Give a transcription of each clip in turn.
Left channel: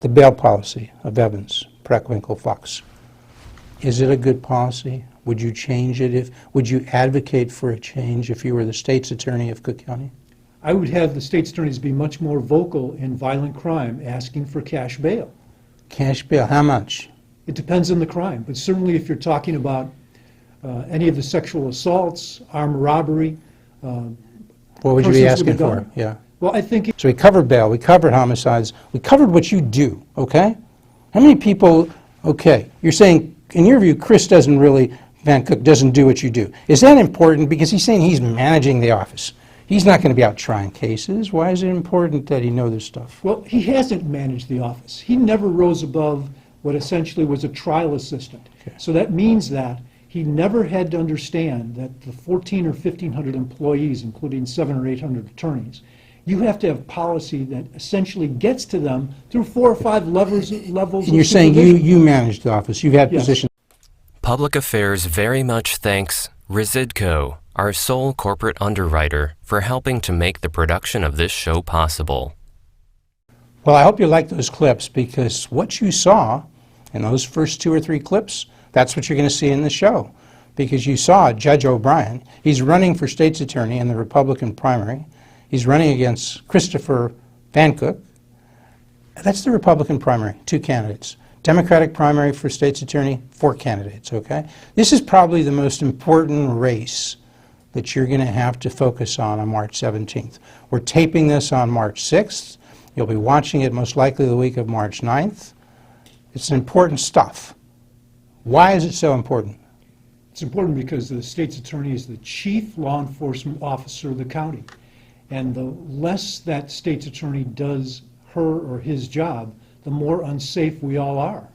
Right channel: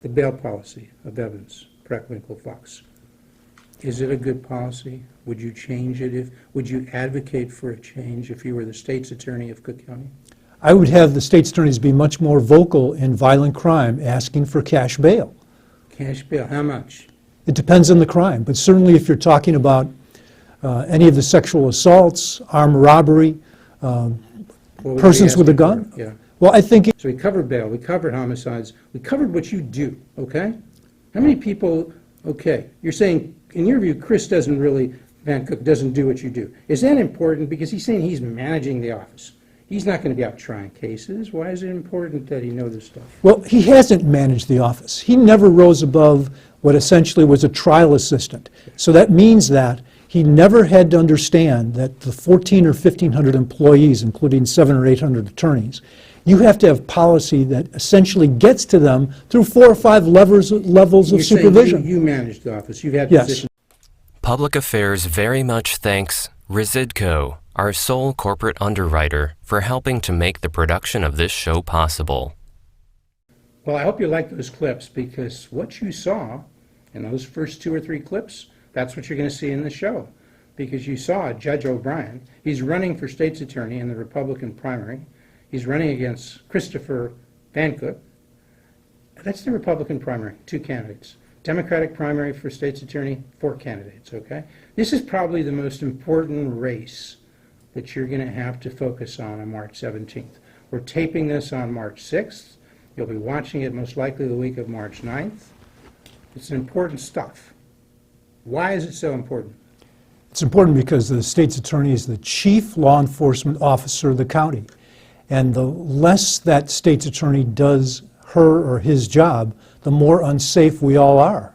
The bail policy of Evans, Preckwinkle, Foxx. Is it a good policy? Would you change it? Would you advocate for a change if you were the state's attorney of Cook County? I would have the state's attorneys be much more vocal in violent crime, asking for cash bail. Cash bail, how much? It depends on the crime, but certainly if you're talking about any of the sexual assaults, armed robbery, persons with a gun. Yeah. Well, I think... So we covered bail, we covered homicides, we covered what you do, okay? How many people, okay, you're saying, in your view, Van Cook doesn't do what you do. Is that important? Because he's saying he's managing the office. He's not going to be out trying cases. Why is it important that he know this stuff? Well, he hasn't managed the office. He never rose above what essentially was a trial assistant. So that means that he never had to understand that the 1,400 or 1,500 employees, including 700 or 800 attorneys, you have to have policy that essentially gets to them through 4 or 5 levels of supervision. You're saying you manage the office. You've had positions. Public Affairs very much thanks RESIDCO, our sole corporate underwriter, for helping to make the production of this show possible. Well, I hope you like those clips, because what you saw in those first 2 or 3 clips, that's what you're going to see in the show. Because you saw Judge O'Brien. He's running for state's attorney in the Republican primary. He's running against Christopher Van Cook. That's the Republican primary, 2 candidates. Democratic primary for state's attorney, 4 candidates, okay? This is probably the most important race that you're going to have to focus on March 17th. We're taping this on March 6th. You'll be watching it most likely the week of March 9th. It's important stuff. Why is it so important? It's important because the state's attorney is the chief law enforcement officer of the county. And the less that state's attorney does her or his job, the more unsafe we all are.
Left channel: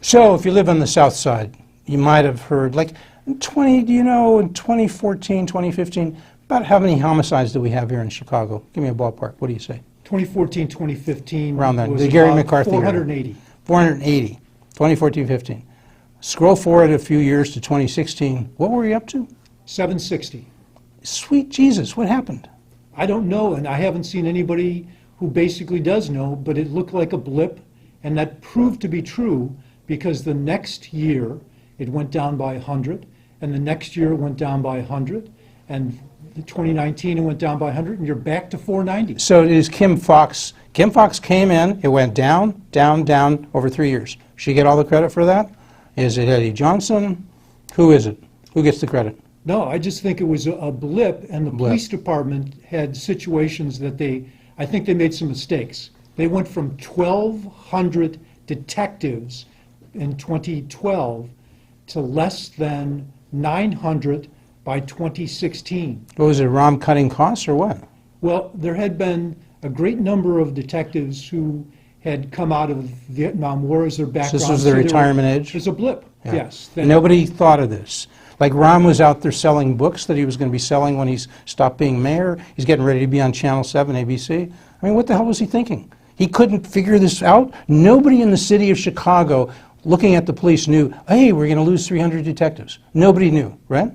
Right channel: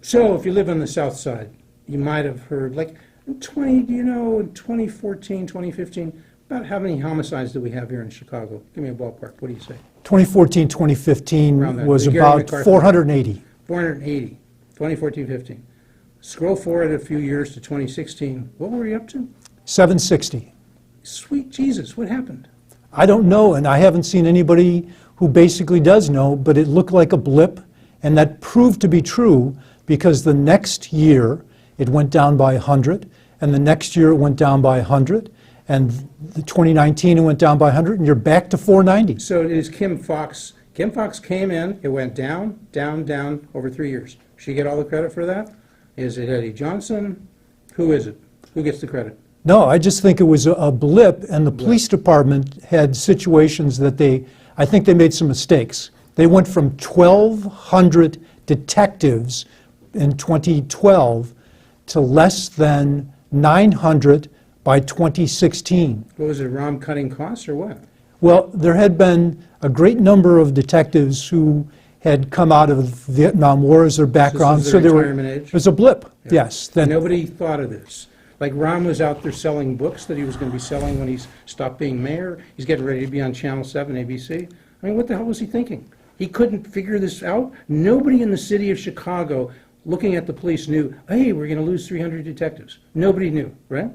So if you live on the south side, you might have heard, like, in 2014, 2015, about how many homicides do we have here in Chicago? Give me a ballpark. What do you say? 2014, 2015 was Gary about McCarthy 480. 480, 2014, 15. Scroll forward a few years to 2016. What were you up to? 760. Sweet Jesus, what happened? I don't know, and I haven't seen anybody who basically does know, but it looked like a blip, and that proved to be true because the next year it went down by 100, and the next year it went down by 100, and 2019 it went down by 100, and you're back to 490. So it is Kim Foxx. Kim Foxx came in, it went down, down, down over 3 years. She get all the credit for that? Is it Eddie Johnson? Who is it? Who gets the credit? No, I just think it was a blip, and the police department had situations that I think they made some mistakes. They went from 1,200 detectives in 2012 to less than 900 by 2016. What was it, ROM cutting costs or what? Well, there had been a great number of detectives who had come out of the Vietnam War as their background. So this is the retirement age? There's a blip, Yeah. yes. Nobody thought of this. Like Ron was out there selling books that he was going to be selling when he stopped being mayor. He's getting ready to be on Channel 7, ABC. I mean, what the hell was he thinking? He couldn't figure this out. Nobody in the city of Chicago looking at the police knew, hey, we're going to lose 300 detectives. Nobody knew, right?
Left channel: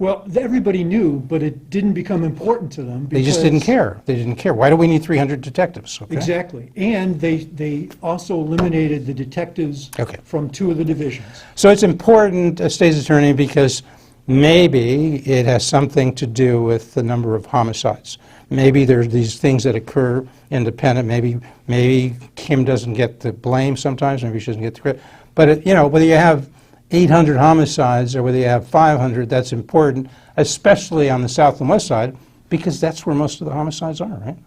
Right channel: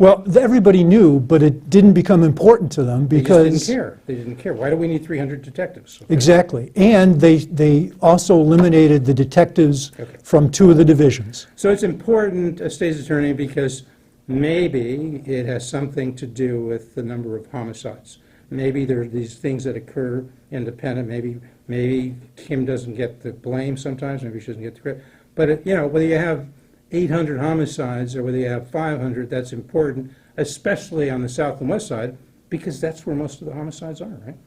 Well, everybody knew, but it didn't become important to them because... They just didn't care. They didn't care. Why do we need 300 detectives? Okay. Exactly. And they also eliminated the detectives from 2 of the divisions. So it's important, state's attorney, because maybe it has something to do with the number of homicides. Maybe there's these things that occur independent. Maybe Kim doesn't get the blame sometimes. Maybe she doesn't get the credit. But, you know, whether you have 800 homicides or whether you have 500, that's important, especially on the south and west side, because that's where most of the homicides are, right?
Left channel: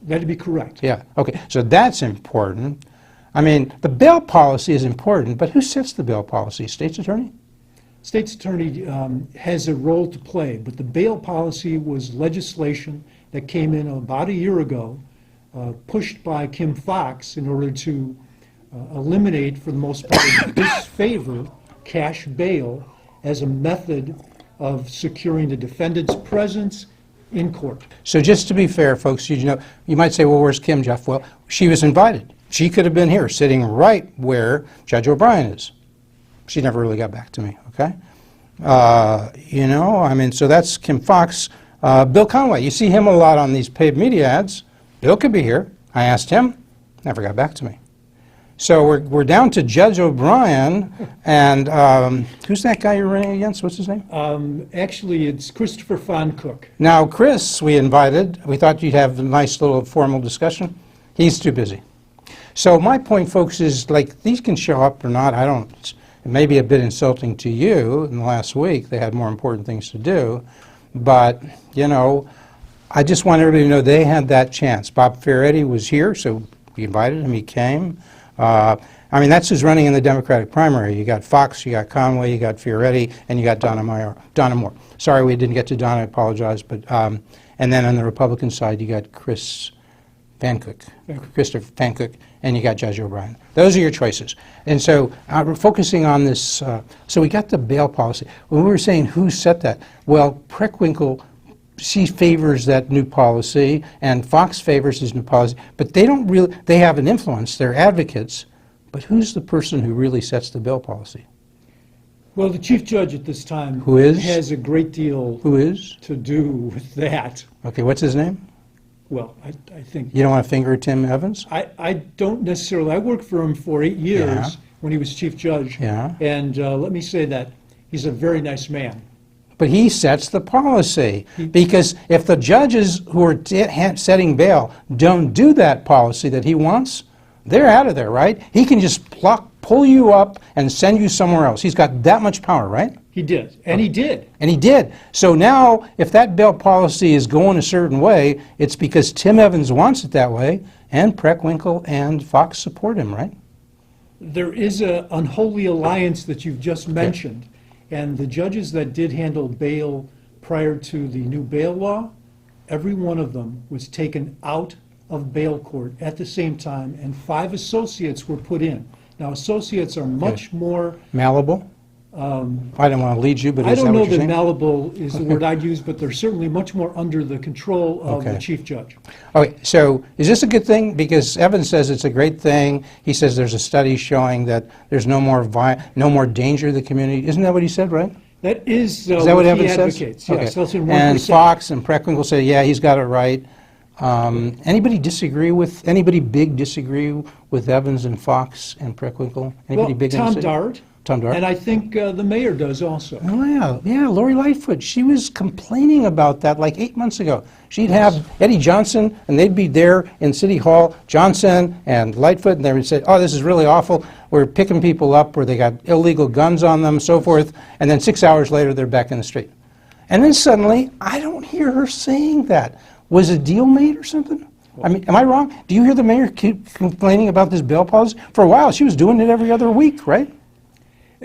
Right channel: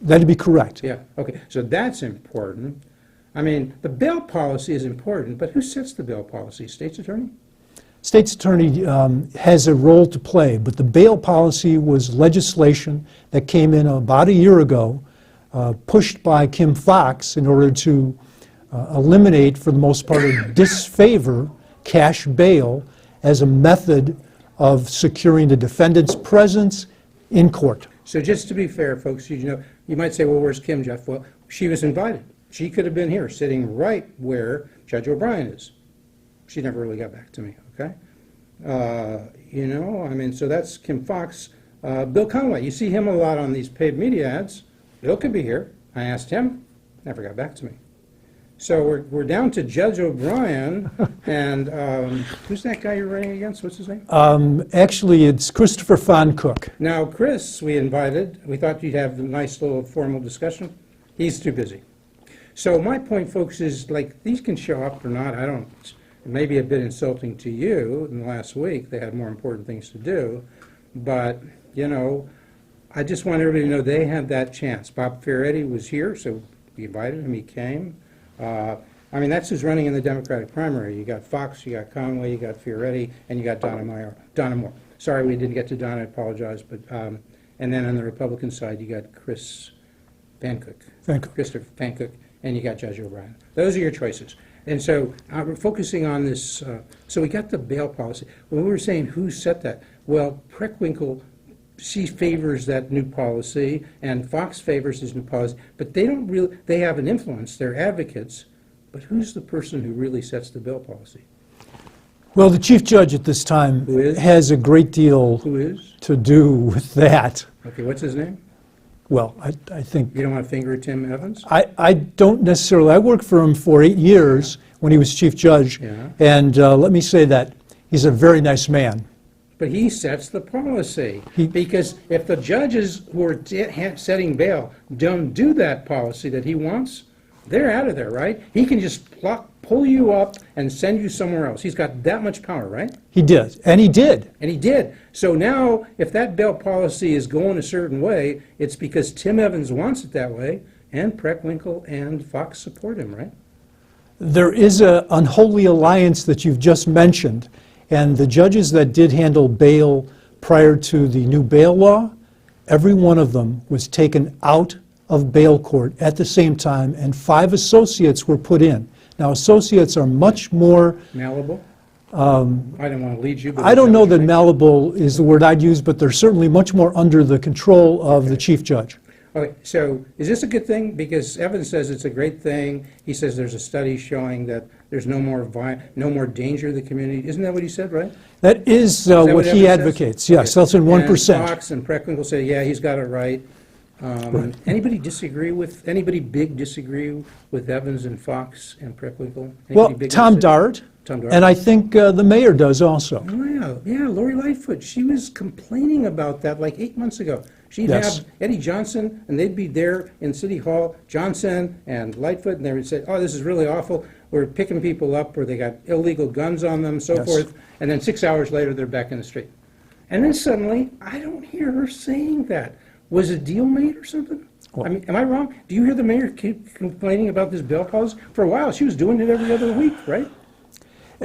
That'd be correct. Yeah, okay, so that's important. I mean, the bail policy is important, but who sets the bail policy? State's attorney? State's attorney has a role to play, but the bail policy was legislation that came in about a year ago, pushed by Kim Foxx in order to eliminate, for the most part, disfavor cash bail as a method of securing the defendant's presence in court. So just to be fair, folks, you might say, well, where's Kim, Jeff? Well, she was invited. She could have been here, sitting right where Judge O'Brien is. She never really got back to me, okay? You know, I mean, so that's Kim Foxx. Bill Conway, you see him a lot on these paid media ads. Bill could be here. I asked him. Never got back to me. So we're down to Judge O'Brien, and who's that guy you're running against? What's his name? Actually, it's Christopher Foncook. Now, Chris, we invited. We thought you'd have a nice little formal discussion. He's too busy. So my point, folks, is like these can show up or not. I don't. It may be a bit insulting to you. In the last week, they had more important things to do, but you know, I just want everybody to know they had that chance. Bob Ferretti was here, so we invited him. He came. I mean, that's who's running in the Democratic primary. You got Fox, you got Conway, you got Ferretti, and you got Donna Moore. Sorry we didn't get to Donna, I apologize. But and then on the Republican side, you got Christopher Foncook, and you got Judge O'Brien. Those are your choices. And so we're focusing on this. So we got the bail policy. When we were saying who set that, well, Preckwinkle, she favors that new policy, and Fox favors his new policy, but they don't really, they have an influence, they're advocates, but who's the person who really sets the bail policy? Well, the chief judge at this time Who is? has a great deal Who is? to do with that. Okay, what's his name? Well, I think, You don't want to finger Tim Evans? I don't necessarily, I worked for him for 8 years when he was chief judge, Yeah. and let me say that he's a very nice man. But he sets the policy, because if the judges who are setting bail don't do that policy that he wants, they're out of there, right? He can just pull you up and send you somewhere else. He's got that much power, right? He did, and he did. And he did. So now, if that bail policy is going a certain way, it's because Tim Evans wants it that way, and Preckwinkle and Fox support him, right? There is an unholy alliance that you've just mentioned, and the judges that did handle bail prior to the new bail law, every one of them was taken out of bail court at the same time, and 5 associates were put in. Now, associates are much more... Malleable? I didn't want to lead you, but I is don't know what that you're saying? malleable is the word I'd use, but they're certainly much more under the control of the chief judge. Okay, so is this a good thing? Because Evans says it's a great thing. He says there's a study showing that there's no more danger to the community. Isn't that what he said, right? That is Is that what he Evans says? advocates. Yes, Okay. that's in 1%. And Fox and Preckwinkle say, yeah, he's got it right. Anybody big disagree with Evans and Fox and Preckwinkle? Anybody Well, big Tom on Dart, Tom Dart? and I think the mayor does also. Oh, yeah, Lori Lightfoot. She was complaining about that like 8 months ago. She'd Yes. have Eddie Johnson, and they'd be there in City Hall, Johnson and Lightfoot, and they would say, oh, this is really awful. We're picking people up where they got illegal guns on them, so forth, and then 6 hours later, they're back in the street. And then suddenly, I don't hear her saying that. Was a deal made or something? I mean, am I wrong? Do you hear the mayor keep complaining about this bail policy? For a while, she was doing it every other week, right?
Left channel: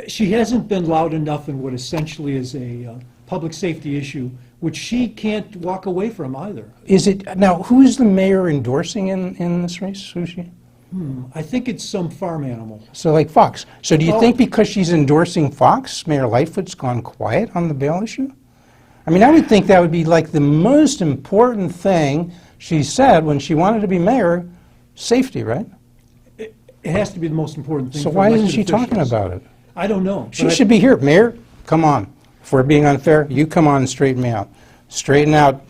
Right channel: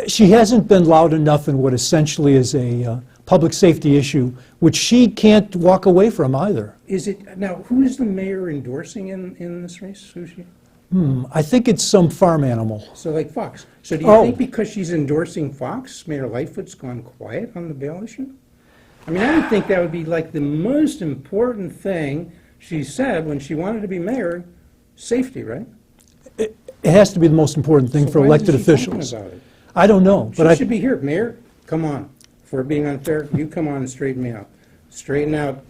She hasn't been loud enough in what essentially is a public safety issue, which she can't walk away from either. Is it, now, who is the mayor endorsing in this race? Who's she? I think it's some farm animal. So like Fox. So do you Oh. think because she's endorsing Fox, Mayor Lightfoot's gone quiet on the bail issue? I mean, I would think that would be like the most important thing she said when she wanted to be mayor, safety, right? It has to be the most important thing So for why elected isn't she officials. talking about it? I don't know. She but I- should be here. Mayor, come on. If we're being unfair, you come on and straighten me out. Straighten out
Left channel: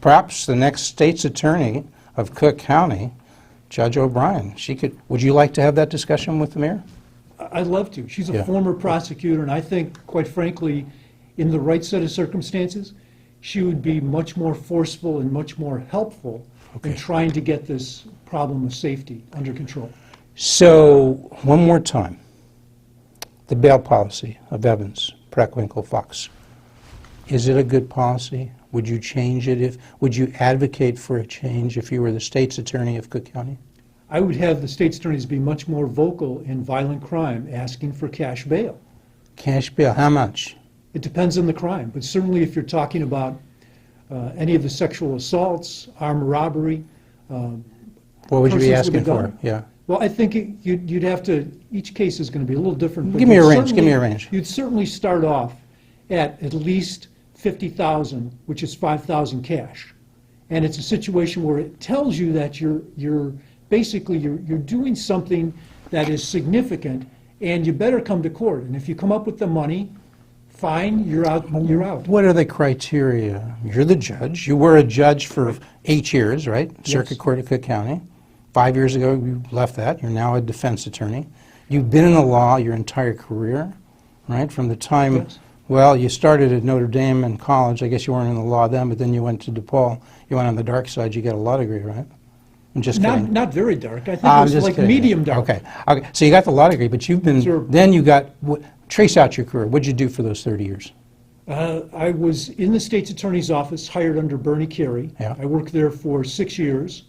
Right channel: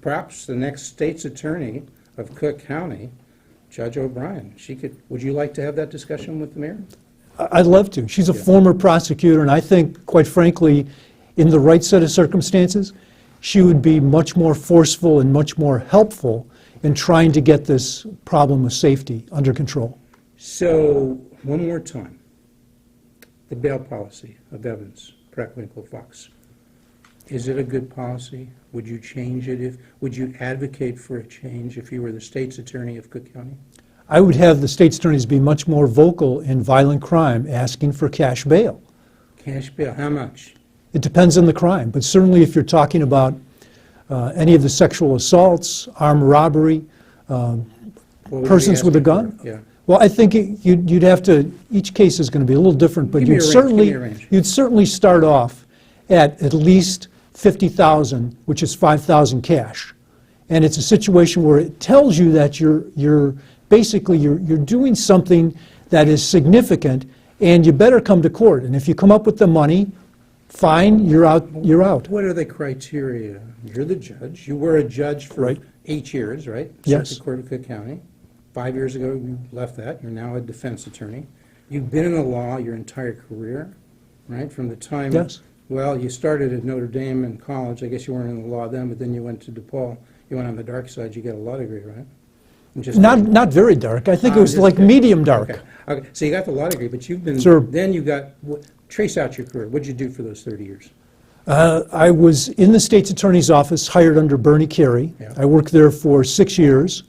perhaps the next state's attorney of Cook County, Judge O'Brien. Would you like to have that discussion with the mayor? I'd love to. She's a Yeah. former prosecutor, and I think, quite frankly, in the right set of circumstances, she would be much more forceful and much more helpful in trying to get this problem of safety under control. So, one more time. The bail policy of Evans, Preckwinkle, Fox. Is it a good policy? Would you change it would you advocate for a change if you were the state's attorney of Cook County? I would have the state's attorneys be much more vocal in violent crime, asking for cash bail. Cash bail, how much? It depends on the crime, but certainly if you're talking about any of the sexual assaults, armed robbery, What would you be persons with a asking gun. for? Yeah. Well, I think you'd have to, each case is going to be a little different, but Give me a you'd range, give certainly- me a range. You'd certainly start off at least $50,000, which is $5,000 cash. And it's a situation where it tells you that you're basically doing something that is significant, and you better come to court. And if you come up with the money, fine, you're out. What are the criteria? You're the judge. You were a judge for 8 years, right? Yes. Circuit Court of Cook County. 5 years ago, you left that. You're now a defense attorney. You've been in the law your entire career, right? From the time, Yes. well, you started at Notre Dame in college. I guess you weren't in the law then, but then you went to DePaul. You went on the dark side. You got a law degree, right? I'm just kidding. Not very dark. I think it I'm was just like kidding. medium dark. Okay. Okay. So you got the law degree, but you've been, Sure. then you got, trace out your career. What'd you do for those 30 years? I was in the state's attorney's office, hired under Bernie Carey. Yeah. I worked there for 6 years.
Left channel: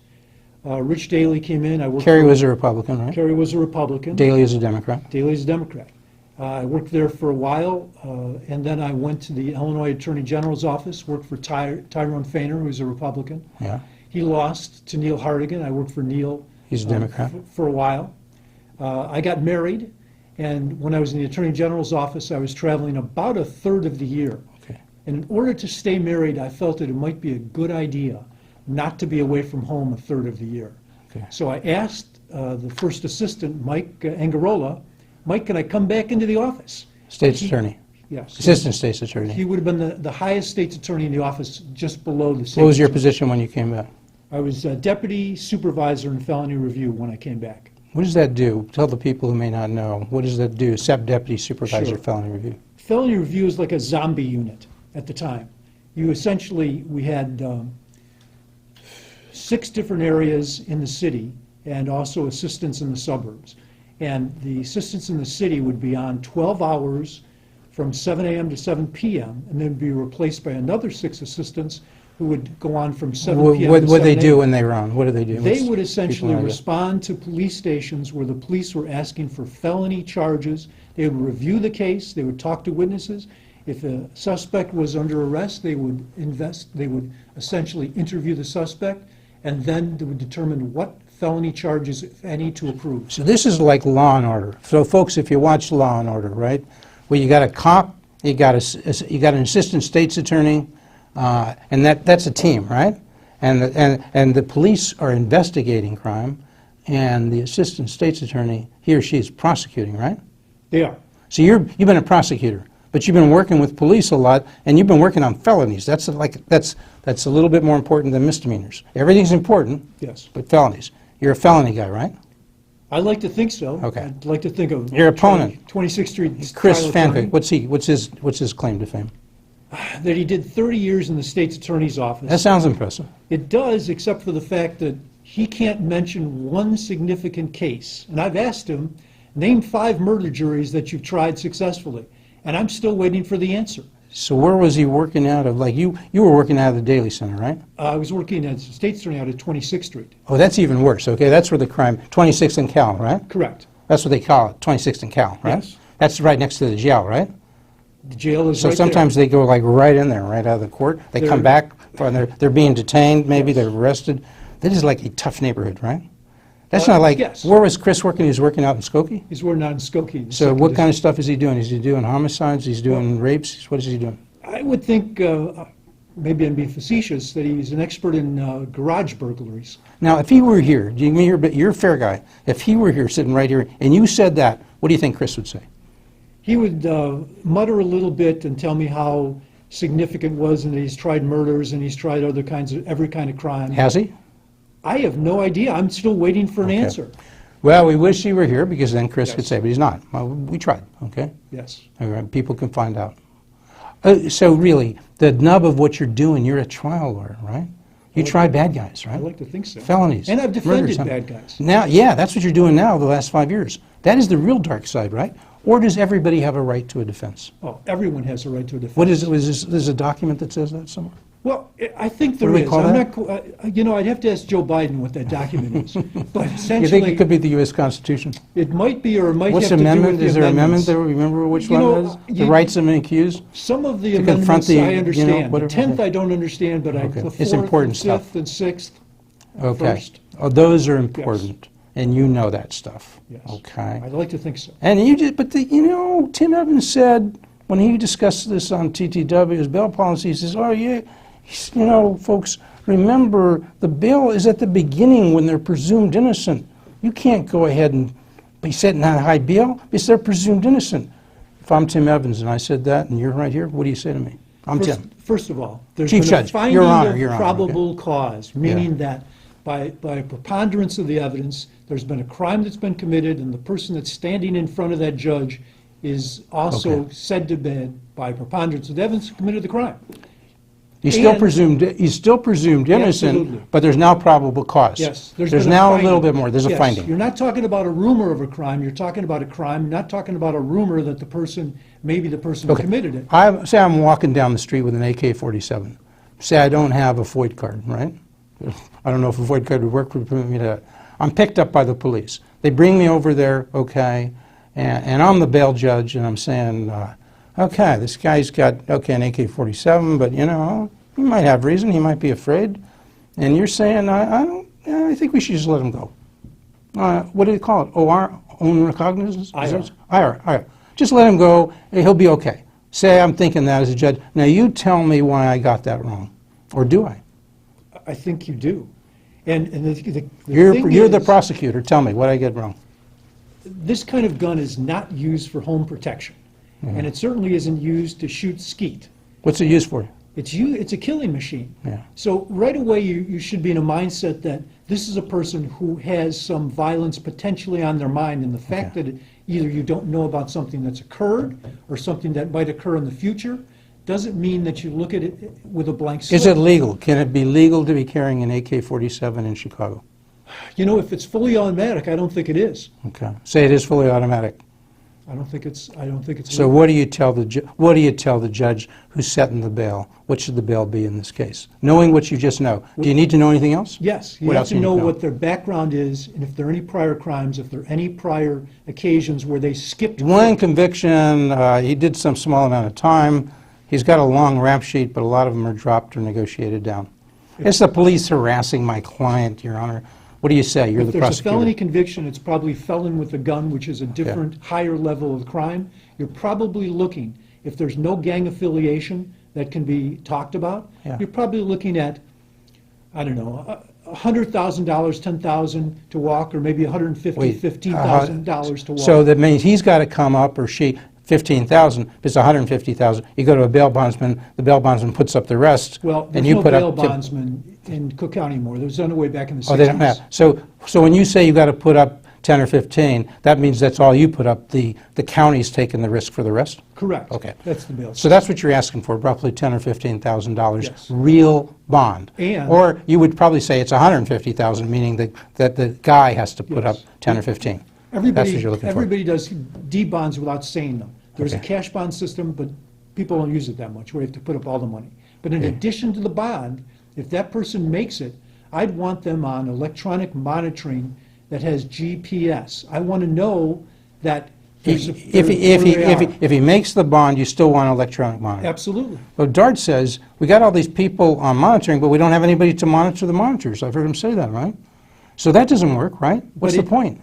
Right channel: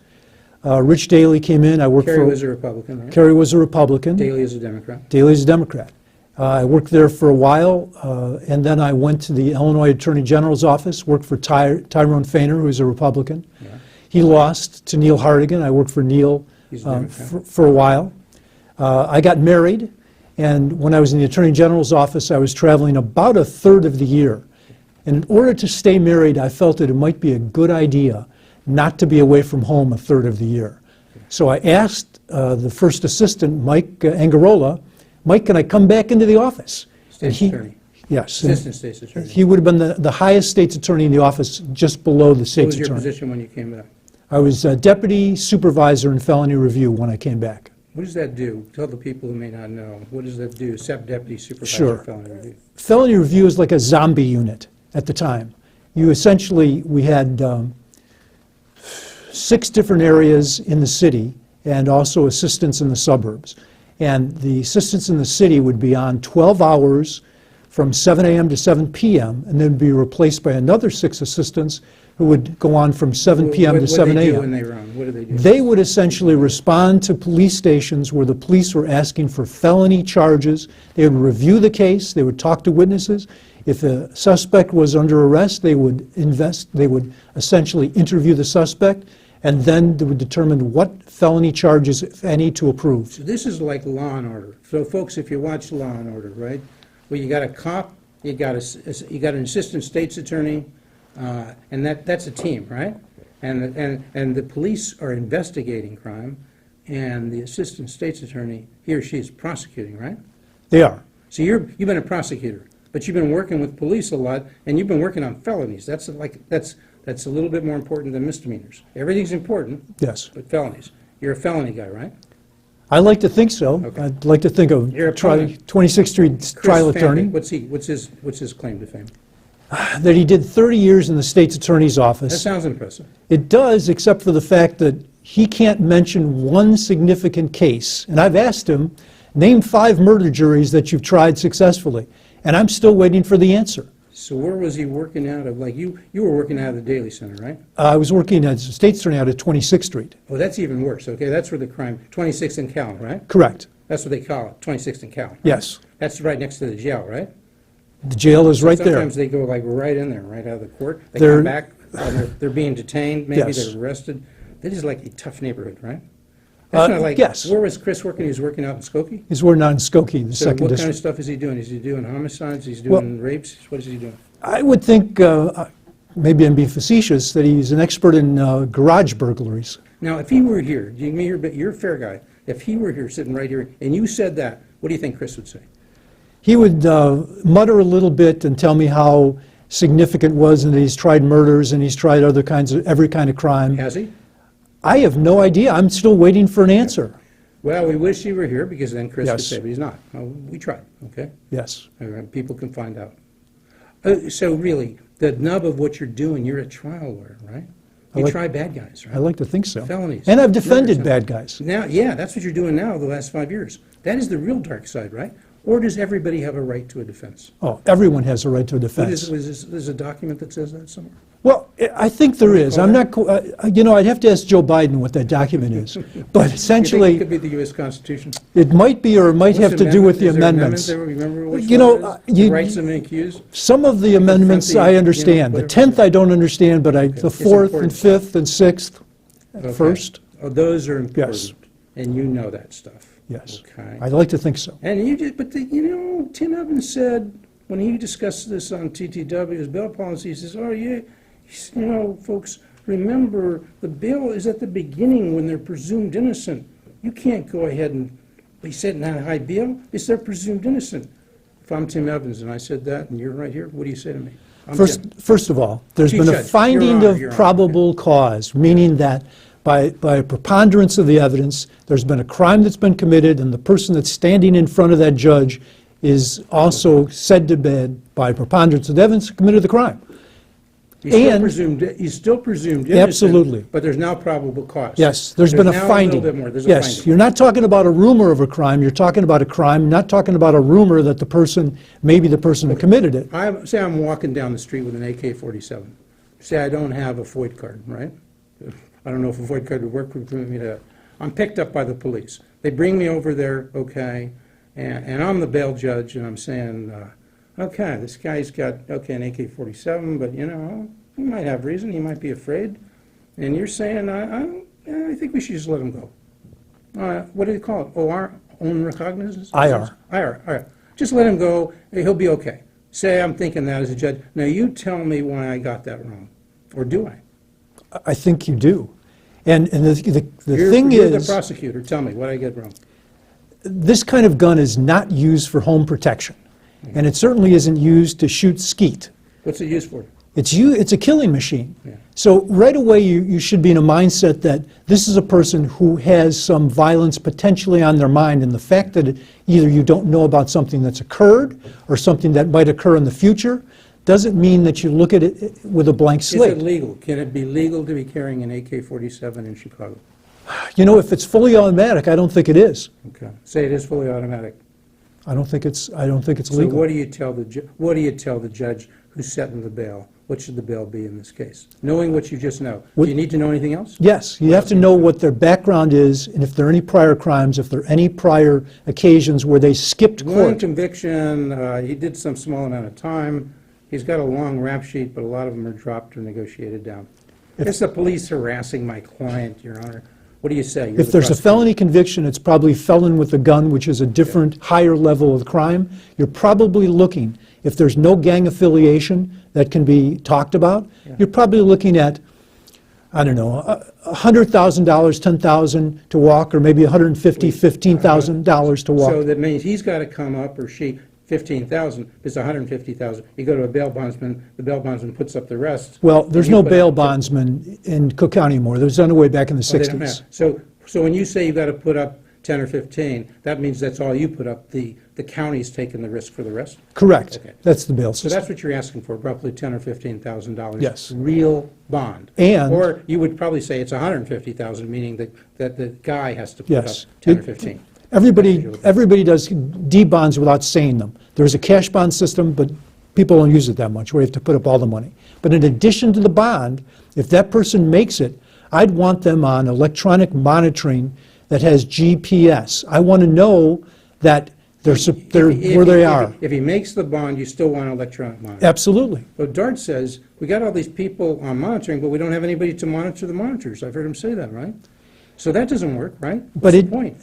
Rich Daley came in. I worked Kerry for, was a Republican, right? Kerry was a Republican. Daley is a Democrat. Daley's a Democrat. I worked there for a while, and then I went to the Illinois Attorney General's office, worked for Tyrone Fainer, who is a Republican. Yeah. He lost to Neil Hartigan. I worked for Neil He's a Democrat. for a while. I got married, and when I was in the Attorney General's office, I was traveling about a third of the year. Okay. And in order to stay married, I felt that it might be a good idea not to be away from home a third of the year. Okay. So I asked the first assistant, Mike Angarola, Mike, can I come back into the office? State's He- attorney. Yes. Assistant state's attorney. He would have been the highest state's attorney in the office, just below the state's What was your attorney. position when you came back? I was deputy supervisor in felony review when I came back. What does that do? Tell the people who may not know. What does that do? Deputy supervisor Sure. felony review. Felony review is like a zombie unit at the time. You essentially, we had 6 different areas in the city and also assistants in the suburbs. And the assistants in the city would be on 12 hours from 7 a.m. to 7 p.m. and then be replaced by another 6 assistants who would go on from 7 p.m. What to do 7 they do a.m. when they run? What do they do? They would essentially People know respond to police stations where the police were asking for felony charges. They would review the case. They would talk to witnesses. If the suspect was under arrest, they would essentially interview the suspect, and then they would determine what felony charges, if any, to approve. So this is like Law and Order. So folks, if you watch Law and Order, right? Well, you got a cop, you got an assistant state's attorney, and that's a team, right? And the police are investigating crime, and the assistant state's attorney, he or she is prosecuting, right? They are. So you've been a prosecutor, but you've been working with police a lot, and you've been working on felonies. That's a little bit more important than misdemeanors. Everything's important, Yes. but felonies. You're a felony guy, right? I like to think so. Okay. I'd like to think of Your opponent. 26th Street Chris trial attorney, Fanfic, what's his claim to fame? that he did 30 years in the state's attorney's office. That sounds impressive. It does, except for the fact that he can't mention one significant case. And I've asked him, name 5 murder juries that you've tried successfully. And I'm still waiting for the answer. So where was he working out of? Like you were working out of the Daly Center, right? I was working as a state's attorney out at 26th Street. Oh, that's even worse. Okay, that's where the crime, 26th and Cal, right? Correct. That's what they call it, 26th and Cal, right? Yes. That's right next to the jail, right? The jail is So right there. sometimes they go like right in there, right out of the court. They They're- come back, or they're being detained, maybe Yes. they're arrested. That is like a tough neighborhood, right? That's not like, yes. where was Chris working? He was working out in Skokie? He's working on Skokie. the So second what kind of district. stuff is he doing? Is he doing homicides? He's doing rapes? What is he doing? I would think, maybe I'm being facetious, that he's an expert in garage burglaries. Now, if he were here, you're a fair guy. If he were here, sitting right here, and you said that, what do you think Chris would say? He would mutter a little bit and tell me how significant it was and that he's tried murders and he's tried other kinds of, every kind of crime. Has he? I have no idea. I'm still waiting for an answer. Well, we wish he were here because then Chris could Yes. say, but he's not. Well, we tried, okay? Yes. All right, people can find out. So really, the nub of what you're doing, you're a trial lawyer, right? You like- try bad guys, right? I like to think so. Felonies. And I've defended murders, bad guys. Now, yeah, that's what you're doing now the last 5 years. That is the real dark side, right? Or does everybody have a right to a defense? Oh, everyone has a right to a defense. What is there's a document that says that somewhere? Well, I think there What do we is. call I'm that? not, I'd have to ask Joe Biden what that document is. But You think essentially, it could be the U.S. Constitution? it might be, or it might What's have to do with the Is there an amendments. amendment there? Remember which You one know, it is? The rights of an accused? Some of the confront amendments the, I you know, understand. The whatever. 10th I don't understand, but Okay. the It's 4th and important stuff. 5th and 6th Okay. first. Oh, those are important, and you know that stuff. Yes. Okay. I'd like to think so. And you just, but Tim Evans said when he discussed this on TTW, his bail policy, he says, oh yeah, folks, remember the bail is at the beginning when they're presumed innocent. You can't go ahead and be setting on high bail because they're presumed innocent. If I'm Tim Evans and I said that and you're right here, what do you say to me? I'm Tim. First of all, there's Chief been a Judge, finding Your Honor, of Your Honor, probable cause, meaning that by a preponderance of the evidence, there's been a crime that's been committed, and the person that's standing in front of that judge is also said to be, by preponderance of the evidence, committed the crime. He's still presumed innocent, Absolutely. but there's now probable cause. Yes, there's been a now finding. a little bit more. There's a Yes, finding. you're not talking about a rumor of a crime. You're talking about a crime, not talking about a rumor that the person, maybe the person who committed it. Say I'm walking down the street with an AK-47. Say I don't have a FOID card, right? I don't know if a FOID card would work for me to. I'm picked up by the police. They bring me over there, okay, and I'm the bail judge, and I'm saying, okay, this guy's got, an AK-47, but, you know, he might have reason, he might be afraid. And you're saying, I think we should just let him go. What do you call it? OR? Own recognizance? IR. IR. Just let him go, and he'll be okay. Say I'm thinking that as a judge. Now you tell me why I got that wrong. Or do I? I think you do. And the thing You're is, the prosecutor. Tell me, what did I get wrong? this kind of gun is not used for home protection. And it certainly isn't used to shoot skeet. What's it used for? It's a killing machine. Yeah. So right away you should be in a mindset that this is a person who has some violence potentially on their mind, and the fact that either you don't know about something that's occurred or something that might occur in the future doesn't mean that you look at it with a blank slate. Is it legal? Can it be legal to be carrying an AK-47 in Chicago? You know, if it's fully automatic, I don't think it is. Okay. Say it is fully automatic. I don't think it's So legal. what do you tell the judge who's setting the bail? What should the bail be in this case? Knowing what you just know. Do you need to know anything else? Yes, you What have else to do you know know? what their background is, and if there are any prior crimes, if there are any prior occasions where they skipped One court. conviction, he did some small amount of time. He's got a long rap sheet, but a lot of them are dropped or negotiated down. It's the police harassing my client, Your Honor. What do you say? You're If the there's a prosecutor. felony conviction, it's probably felon with a gun, which is a different, higher level of crime. You're probably looking, if there's no gang affiliation that can be talked about, Yeah. you're probably looking at, I don't know, $100,000, $10,000 to walk, or maybe $150,000, Wait, $15,000 to walk. So that means he's got to come up, or she, 15,000. It's 150,000. You go to a bail bondsman. The bail bondsman puts up the rest. Well, and there's you no put up bail 10 bondsman in Cook County anymore. There was done away back in the Oh, they don't 60s. have. So when you say you got to put up 10 or 15, that means that's all you put up. The county's taking the risk for the rest. Correct. Okay. That's the bail So system. that's what you're asking for, roughly $10,000 or $15,000 Yes. real bond. And- or you would probably say it's 150,000, meaning that the guy has to put Yes. up 10 or 15. That's what Everybody, you're looking for. everybody does D-bonds without saying them. There's a cash bond system, but people don't use it that much, where you have to put up all the money. But in addition to the bond, if that person makes it, I'd want them on electronic monitoring that has GPS. I want to know that where they are. If he makes the bond, you still want electronic monitoring. Absolutely. But Dart says, we got all these people on monitoring, but we don't have anybody to monitor the monitors. I've heard him say that, right? So that doesn't work, right? What's the point?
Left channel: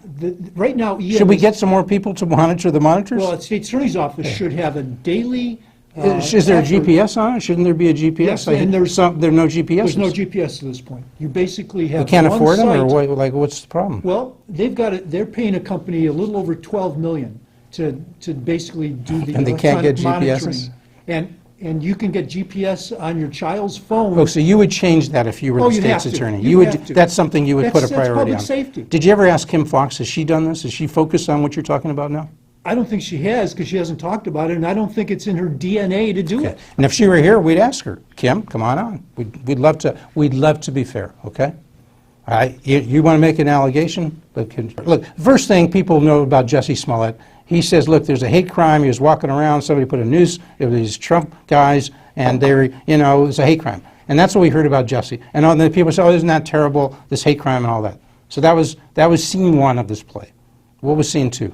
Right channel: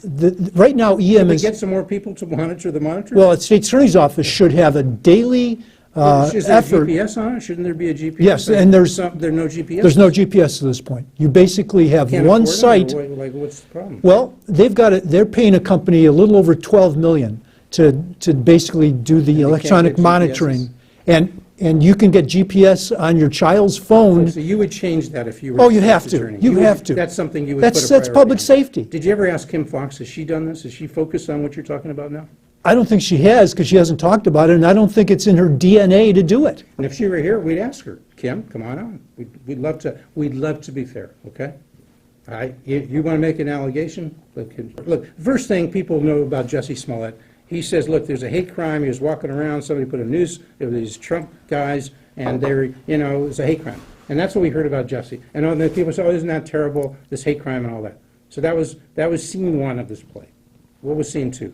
Right now, EM Should we get some more people to monitor the monitors? Well, the State Attorney's Office should have a daily is there effort. a GPS on it? Shouldn't there be a GPS? Yes, and there's no GPS. There's no GPS to this point. You basically have Can't one afford site. them, or what's the problem? Well, they're paying a company a little over $12 million to basically do the And they can't electronic get monitoring. GPSs? And you can get GPS on your child's phone. Oh, so you would change that if you were Oh, the you have state's to. attorney? You have to. That's something you would put a priority That's public on. safety. Did you ever ask Kim Foxx, has she done this? Has she focused on what you're talking about now? I don't think she has, because she hasn't talked about it, and I don't think it's in her DNA to do it. And if she were here, we'd ask her, Kim, come on. We'd love to be fair, okay? All right, you want to make an allegation? Look, first thing people know about Jussie Smollett, he says, look, there's a hate crime. He was walking around. Somebody put a noose. It was these Trump guys, and they were, it was a hate crime. And that's what we heard about Jussie. And all the people say, oh, isn't that terrible, this hate crime and all that. So that was scene one of this play. What was scene two?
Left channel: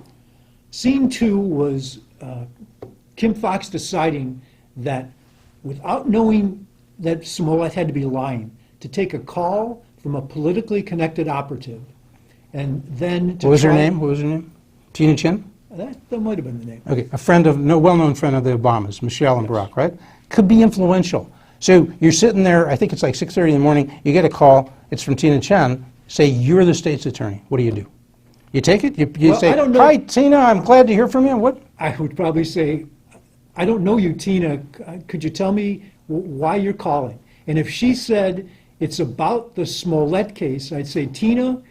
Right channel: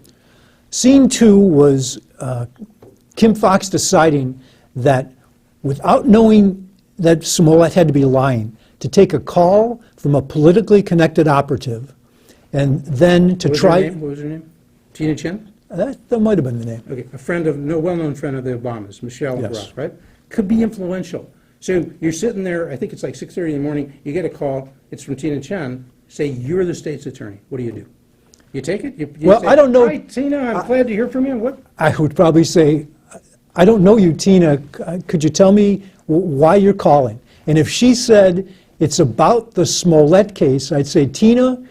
Scene two was Kim Foxx deciding that, without knowing that Smollett had to be lying, to take a call from a politically connected operative, and then to What was her try. name? What was her name? Tina Chin? That might have been the name. Okay, well-known friend of the Obamas, Michelle and Yes. Barack, right? Could be influential. So you're sitting there, I think it's like 6:30 in the morning, you get a call, it's from Tina Chen, say you're the state's attorney. What do? You take it? You Well, say, I don't know. Hi, Tina, I'm glad to hear from you. What? I would probably say, I don't know you, Tina. Could you tell me why you're calling? And if she said, It's about the Smollett case. I'd say, Tina,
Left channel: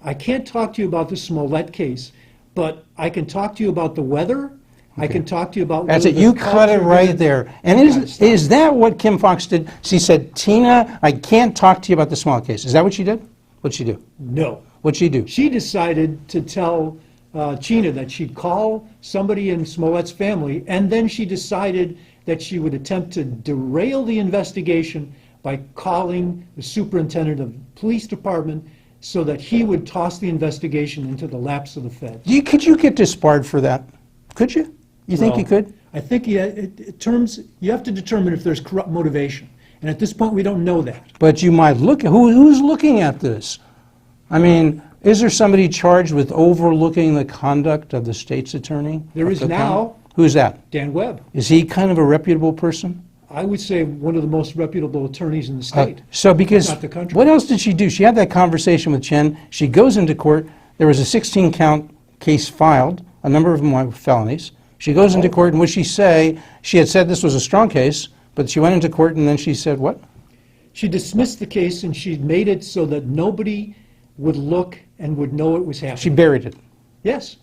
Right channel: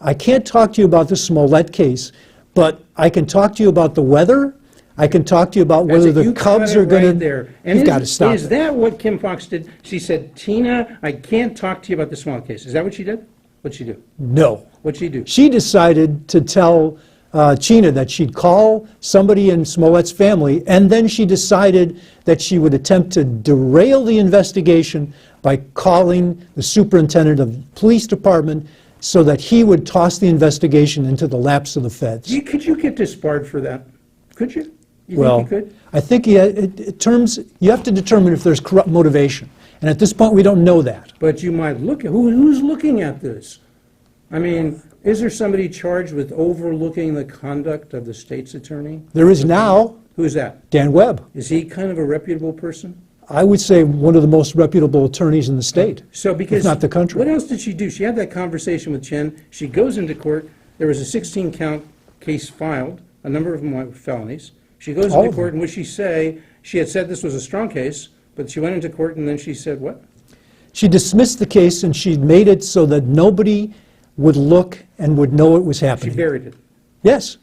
I can't talk to you about the Smollett case, but I can talk to you about the weather. I can talk to you about whether the you Cubs cut it are right gonna, there. And You've got to is stop it. that what Kim Foxx did? She said, Tina, I can't talk to you about the Smollett case. Is that what she did? What'd she do? No. What'd she do? She decided to tell Chena that she'd call somebody in Smollett's family, and then she decided that she would attempt to derail the investigation by calling the superintendent of the police department so that he would toss the investigation into the laps of the feds. Could you get disbarred for that? Could you? You think you could? I think you have to determine if there's corrupt motivation. And at this point, we don't know that. But you might look at, who's looking at this? I mean, is there somebody charged with overlooking the conduct of the state's attorney? There is now. Who's that? Dan Webb. Is he kind of a reputable person? I would say one of the most reputable attorneys in the state. So because, if not the country. What else did she do? She had that conversation with Chen. She goes into court. There was a 16-count case filed. A number of them were felonies. She goes into court, and what she say? She had said this was a strong case, but she went into court, and then she said what? She dismissed the case, and she made it so that nobody would look and would know it was She happening. buried it. Yes.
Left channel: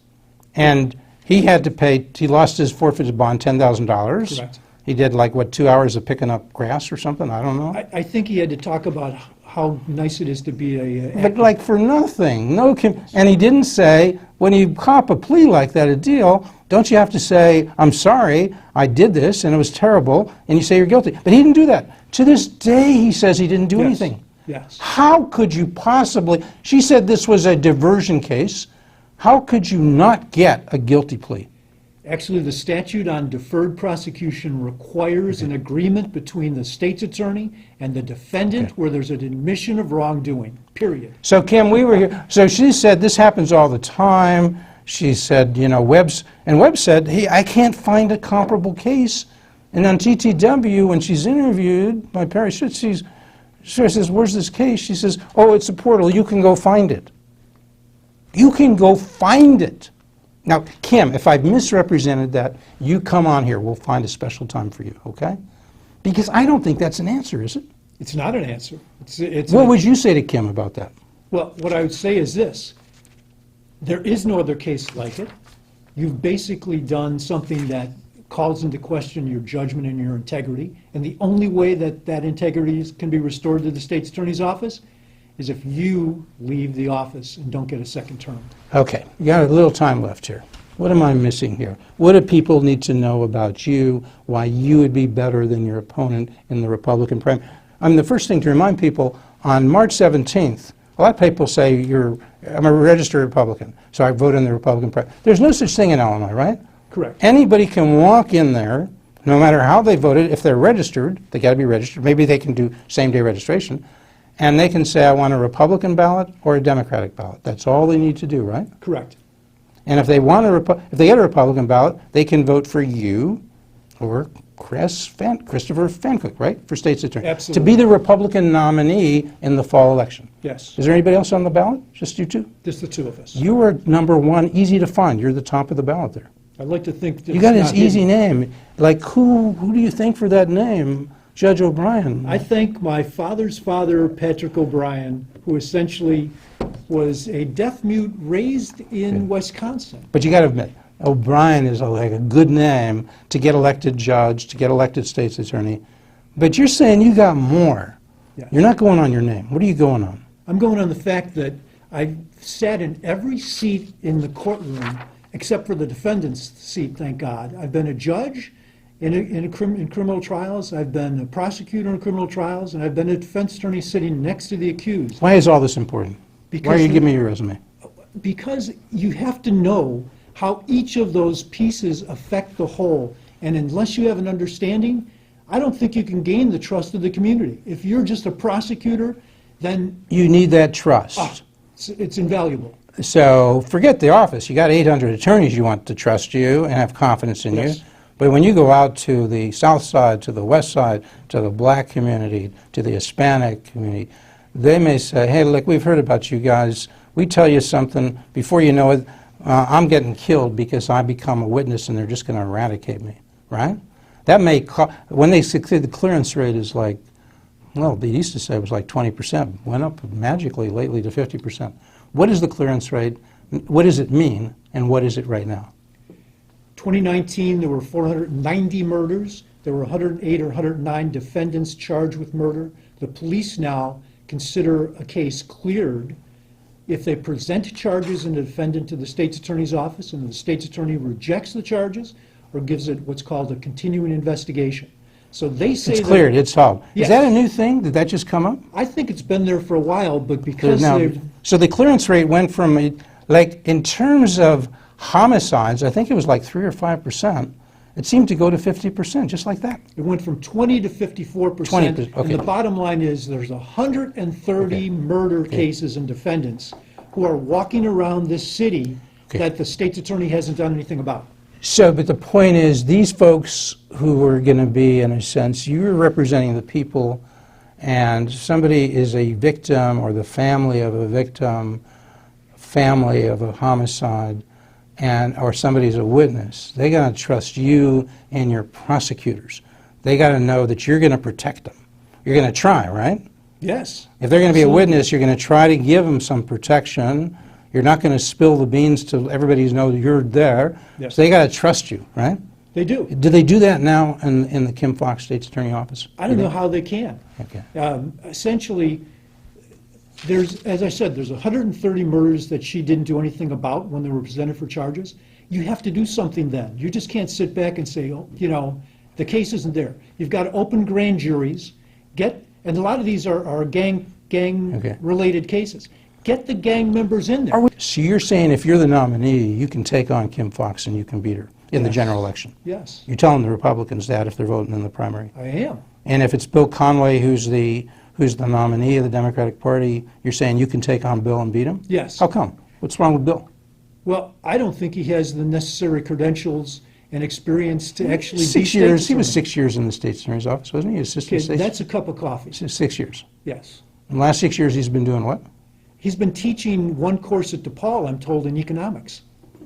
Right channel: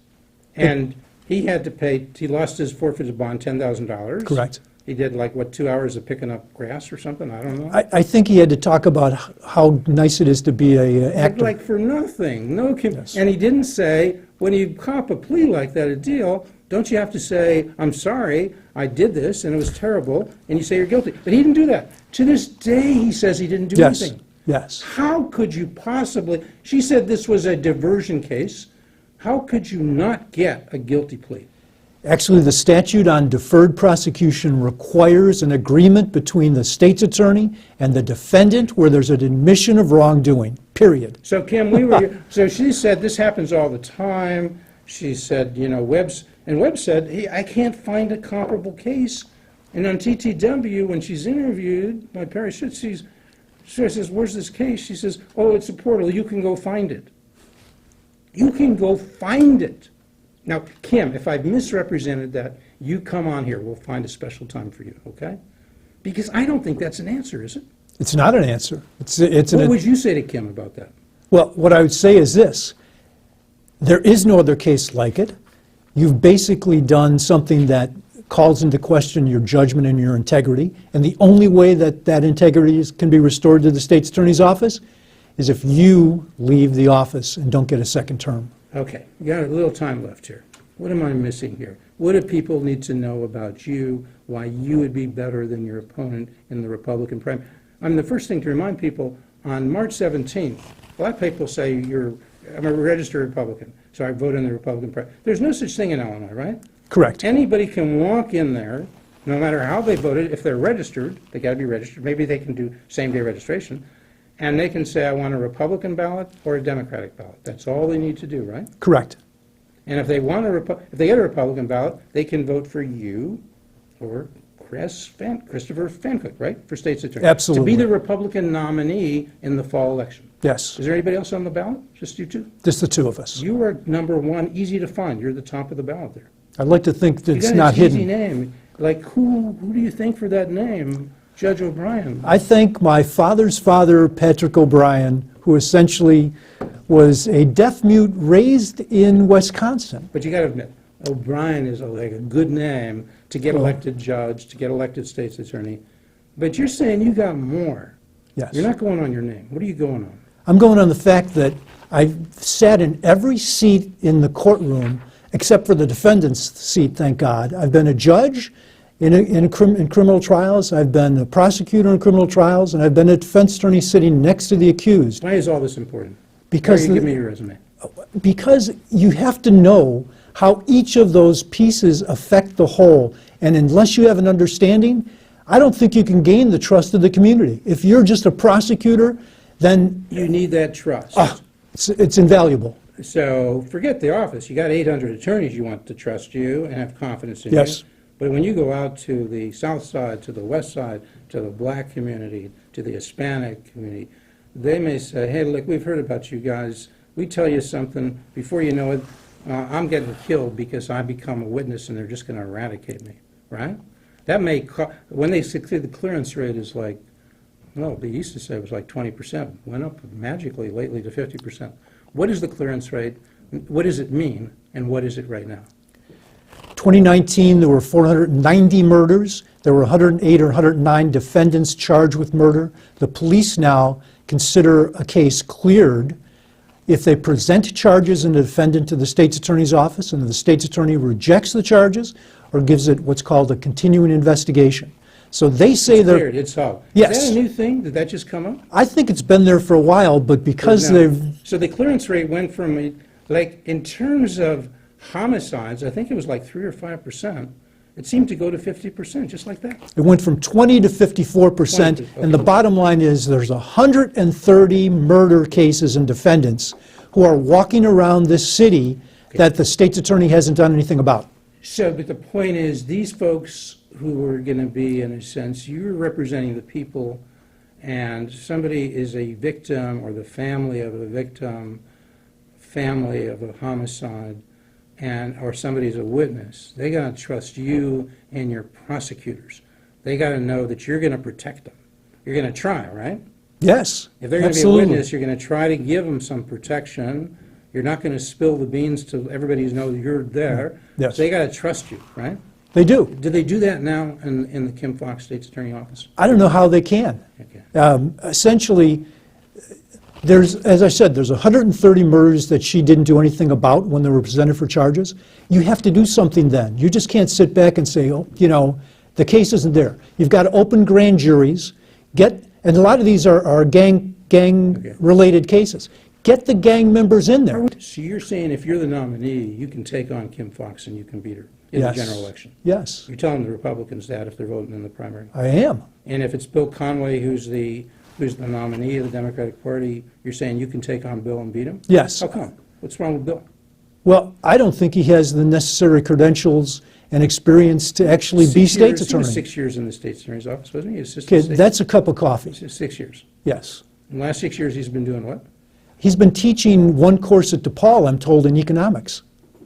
And he had to pay, he lost his forfeited bond, $10,000. Correct. He did like, what, 2 hours of picking up grass or something? I don't know. I think he had to talk about how nice it is to be a But actor. like for nothing. No, and he didn't say, when you cop a plea like that, a deal, don't you have to say, I'm sorry, I did this and it was terrible, and you say you're guilty. But he didn't do that. To this day, he says he didn't do Yes. anything. Yes. How could you possibly, she said this was a diversion case. How could you not get a guilty plea? Actually, the statute on deferred prosecution requires an agreement between the state's attorney and the defendant where there's an admission of wrongdoing, period. So Kim, we were here, so she said this happens all the time. She said, you know, Webb said, hey, I can't find a comparable case. And on TTW, when she's interviewed by Perry Schutz, she says, where's this case? She says, oh, it's a portal. You can go find it. You can go find it. Now, Kim, if I've misrepresented that, you come on here. We'll find a special time for you, okay? Because I don't think that's an answer, is it? It's not an answer. What would you say to Kim about that? Well, what I would say is this. There is no other case like it. You've basically done something that calls into question your judgment and your integrity, and the only way that that integrity can be restored to the state's attorney's office is if you leave the office and don't get a second term. Okay, you got a little time left here. What am I missing here? What do people need to know about you, why you would be better than your opponent in the Republican primary? I mean, the first thing to remind people, on March 17th, a lot of people say I'm a registered Republican, so I vote in the Republican primary. There's no such thing in Illinois, right? Correct. Anybody can walk in there, no matter how they voted. If they're registered, they got to be registered. Maybe they can do same-day registration. And they can say, I want a Republican ballot or a Democratic ballot. That's all they need to do, right? Correct. And if they want if they get a Republican ballot, they can vote for you or Christopher Fancook, right, for state's attorney. Absolutely. To be the Republican nominee in the fall election. Yes. Is there anybody else on the ballot? Just you two? Just the two of us. You are number one, easy to find. You're the top of the ballot there. I'd like to think that You it's got not his easy hidden. name. Like who do you think for that name? Judge O'Brien. I think my father's father, Patrick O'Brien, who essentially was a deaf mute raised in Wisconsin. But you got to admit, O'Brien is like a good name to get elected judge, to get elected state's attorney. But you're saying you got more. Yes. You're not going on your name. What are you going on? I'm going on the fact that I've sat in every seat in the courtroom except for the defendant's seat, thank God. I've been a judge in criminal trials, I've been a prosecutor in criminal trials, and I've been a defense attorney sitting next to the accused. Why is all this important? Because Why are you giving me your resume? Because you have to know how each of those pieces affect the whole. And unless you have an understanding, I don't think you can gain the trust of the community. If you're just a prosecutor, then You need that trust. it's invaluable. So forget the office. You got 800 attorneys you want to trust you and have confidence in Yes. you. But when you go out to the south side, to the west side, to the black community, to the Hispanic community, they may say, hey, look, we've heard about you guys. We tell you something, before you know it, I'm getting killed because I become a witness and they're just going to eradicate me, right? That may, when they succeed, the clearance rate is like Well, they used to say it was like 20%, went up magically lately to 50%. What is the clearance rate? What does it mean, and what is it right now? 2019, there were 490 murders. There were 108 or 109 defendants charged with murder. The police now consider a case cleared if they present charges in the defendant to the state's attorney's office and the state's attorney rejects the charges or gives it what's called a continuing investigation. So they say It's cleared, it's solved. Yes. Is that a new thing? Did that just come up? I think it's been there for a while, but because Now, they've... so the clearance rate went from, like, in terms of homicides, I think it was like 3 or 5%. It seemed to go to 50%, just like that. It went from 20 to 54%, okay. and the bottom line is there's 130 murder cases and defendants who are walking around this city that the state's attorney hasn't done anything about. So, but the point is, these folks who are going to be, in a sense, you're representing the people, and somebody is a victim or the family of a victim, family of a homicide, or somebody's a witness. They got to trust you and your prosecutors. They got to know that you're going to protect them. You're going to try, right? Yes. If they're going to be a absolutely. witness, you're going to try to give them some protection. You're not going to spill the beans to everybody knows you're there. Yes. So they got to trust you, right? They do. Do they do that now in the Kim Foxx State's Attorney Office? I don't know how they can. Okay. Essentially, as I said, there's 130 murders that she didn't do anything about when they were presented for charges. You have to do something then. You just can't sit back and say, oh, you know, the case isn't there. You've got to open grand juries, and a lot of these are gang-related cases. Get the gang members in there. So you're saying if you're the nominee, you can take on Kim Foxx and you can beat her in the Yes. general election? Yes, You're telling the Republicans that if they're voting in the primary? I am. And if it's Bill Conway who's the nominee of the Democratic Party, you're saying you can take on Bill and beat him? Yes. How come? What's wrong with Bill? Well, I don't think he has the necessary credentials and experience to actually be state's He attorney. was 6 years in the state's attorney's office, wasn't he? Okay, that's a cup of coffee. 6 years. Yes. In the last 6 years, he's been doing what? He's been teaching one course at DePaul, I'm told, in economics.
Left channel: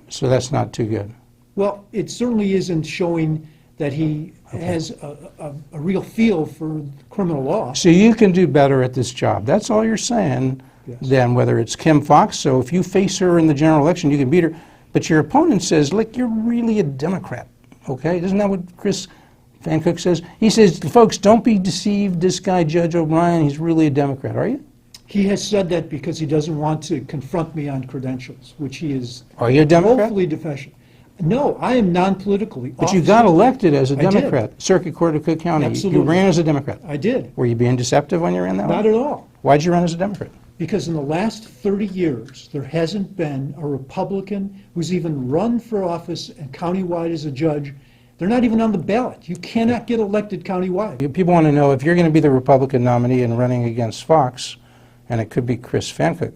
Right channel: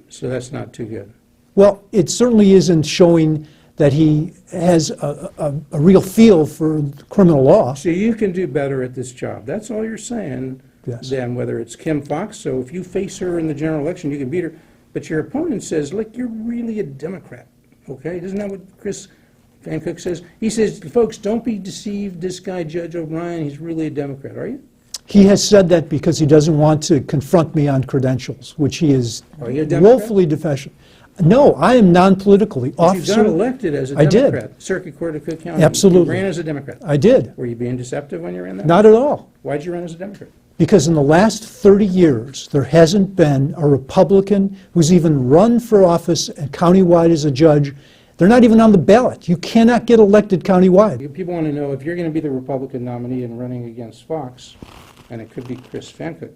So that's not too good. Well, it certainly isn't showing that he has a real feel for criminal law. So you can do better at this job. That's all you're saying. Yes. Than whether it's Kim Foxx. So if you face her in the general election, you can beat her. But your opponent says, look, you're really a Democrat. Okay? Isn't that what Chris Van Cook says? He says, folks, don't be deceived. This guy, Judge O'Brien, he's really a Democrat. Are you? He has said that because he doesn't want to confront me on credentials, which he is Are you a Democrat? woefully deficient. No, I am non-politically. But you got elected as a I did. Democrat. Circuit Court of Cook County. Absolutely. You ran as a Democrat. I did. Were you being deceptive when you ran that? Not at all. Why'd you run as a Democrat? Because in the last 30 years, there hasn't been a Republican who's even run for office and countywide as a judge. They're not even on the ballot. You cannot get elected countywide. People want to know if you're going to be the Republican nominee and running against Fox, and it could be Chris Van Cook,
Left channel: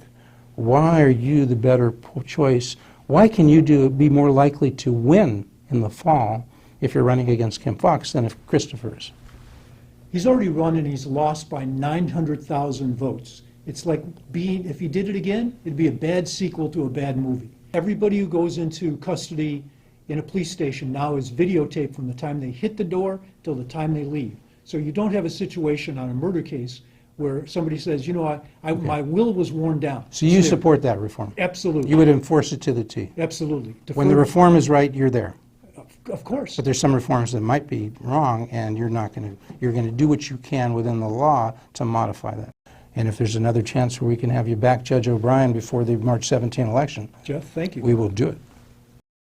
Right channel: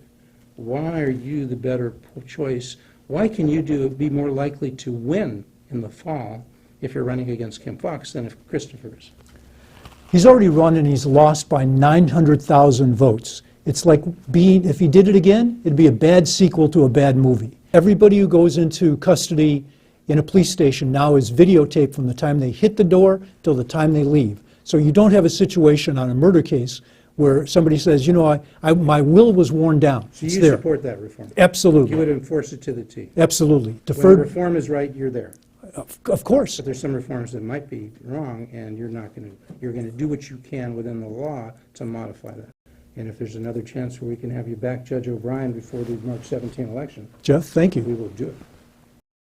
why are you the better choice? Why can you be more likely to win in the fall if you're running against Kim Foxx than if Christopher is? He's already run and he's lost by 900,000 votes. It's like if he did it again, it'd be a bad sequel to a bad movie. Everybody who goes into custody in a police station now is videotaped from the time they hit the door till the time they leave. So you don't have a situation on a murder case where somebody says, you know, my will was worn down. So you support that reform? Absolutely. You would enforce it to the T? Absolutely. When the reform is right, you're there? Of course. But there's some reforms that might be wrong, and you're going to do what you can within the law to modify that. And if there's another chance where we can have you back, Judge O'Brien, before the March 17 election, Jeff, thank you. we will do it.